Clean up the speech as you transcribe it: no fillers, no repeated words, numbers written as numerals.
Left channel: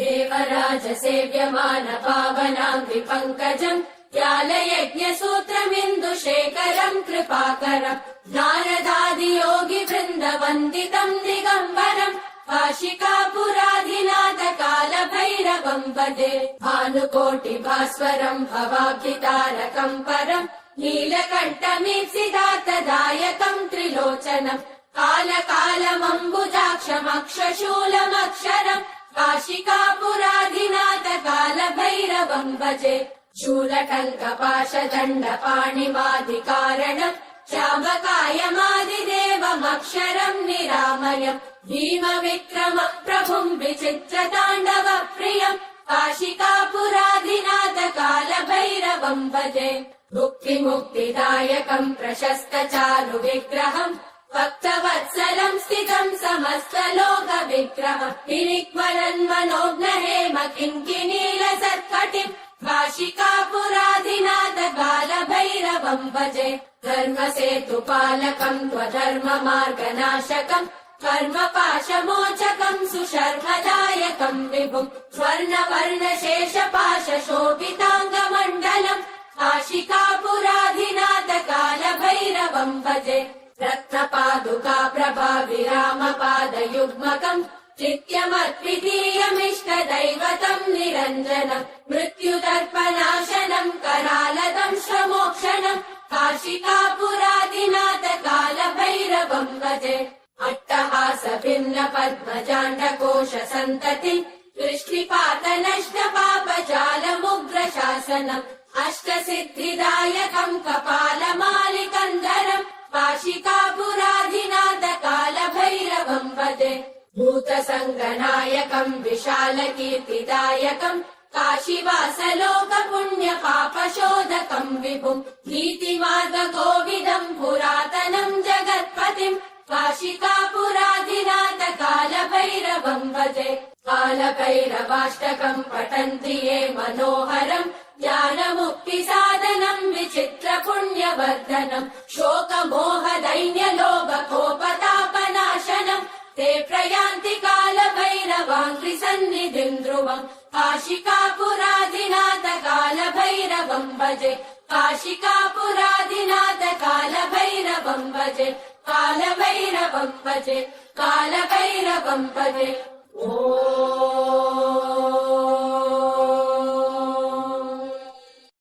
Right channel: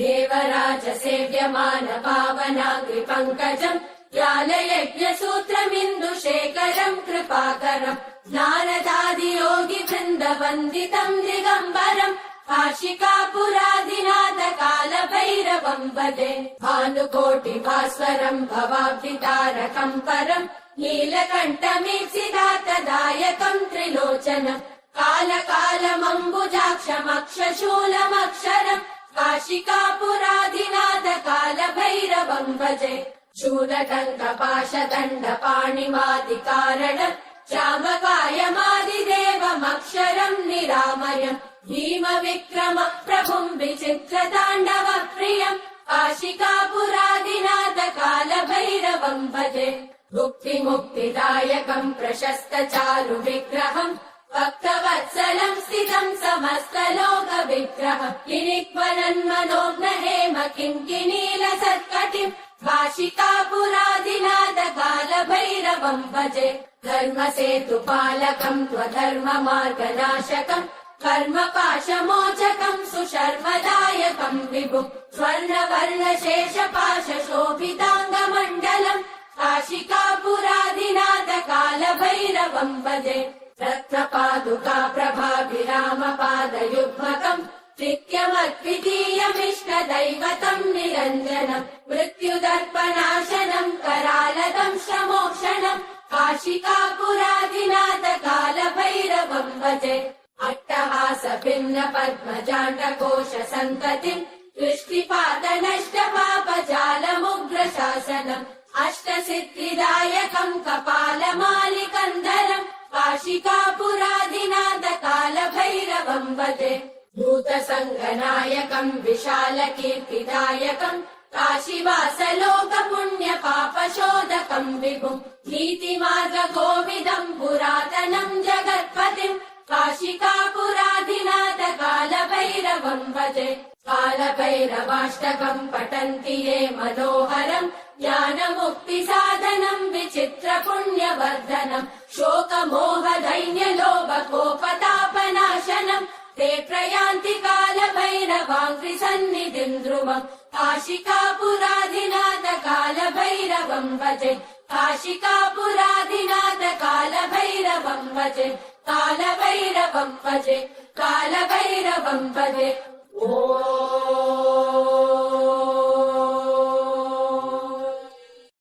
देवराज सेव्यमान पावनाङ्घ्रि पङ्कजम् ज्ञानयज्ञसूत्रमिन्दुशेखरम् कृपाकरम् नारदादियोगि वृन्दवन्दितम् दिगम्बरम् काशिकापुराधिनाथ कालभैरवम् भजे भानुकोटि भास्वरम् भवाब्धितारकम् परम् नीलकण्ठमीप्सितार्थदायकम् त्रिलोचनम् कालकालमम्बुजाक्षमक्षशूलमक्षरम् काशिकापुराधिनाथ कालभैरवम् भजे शूलटङ्कपाशदण्डपाणिमादिकारणम् श्यामकायमादिदेवमक्षरम् निरामयम् भीमविक्रम प्रभुम् विचित्रताण्डव प्रियम् काशिकापुराधिनाथ कालभैरवम् भजे मुक्तिमुक्तिदायकम् प्रशस्त चारु विग्रहम् भक्तवत्सलम् स्थितम् समस्तलोक विग्रहम् निरिक्वरन्मनोज्ञ हेम किङ्किणील सत्कटिम् काशिकापुराधिनाथ कालभैरवम् भजे धर्मसेतुपालकम् त्वधर्म मार्गनाशकम् कर्मपाशमोचकम् सुशर्मदायकम् विभुम् स्वर्णवर्णशेषपाशशोभिताङ्गमण्डलम् काशिकापुराधिनाथ कालभैरवम् भजे रत्नपादुका प्रभाविरामपादयुग्मकम् नित्यमद्वितीयमिष्टदैवतम् निरञ्जनम् मृत्युदर्पनाशनम् करालतम् श्रमोक्षणम् काशिकापुराधिनाथ कालभैरवम् भजे अट्टहास भिन्न पद्मजाण्डकोश सन्तति दृष्टिपातनष्ट पापजालमुग्रशासनम् अष्टसिद्धिदायकम् कपालमालिकन्दरम् काशिकापुराधिनाथ कालभैरवम् भजे भूतसङ्गनायकम् विशालकीर्तिदायकम् काशीवासलोक पुण्य पापशोधकम् विभुम् नीतिमार्गकोविदम् पुरातनम् जगत्पतिम् काशिकापुराधिनाथ कालभैरवम् भजे कालभैरवाष्टकम् पठन्ति ये मनोहरम् ज्ञानमुक्तिसाधनम् विचित्र पुण्यवर्धनम् शोकमोह दैन्यलोभकोपतापनाशनम् ते प्रयान्ति कालभैरवाङ्घ्रि सन्निधिम् ध्रुवम् काशिकापुराधिनाथ कालभैरवम् भजे काशिकापुराधिनाथ कालभैरवम् भजे कालभैरवम् भजे कालभैरवम् भजे ओ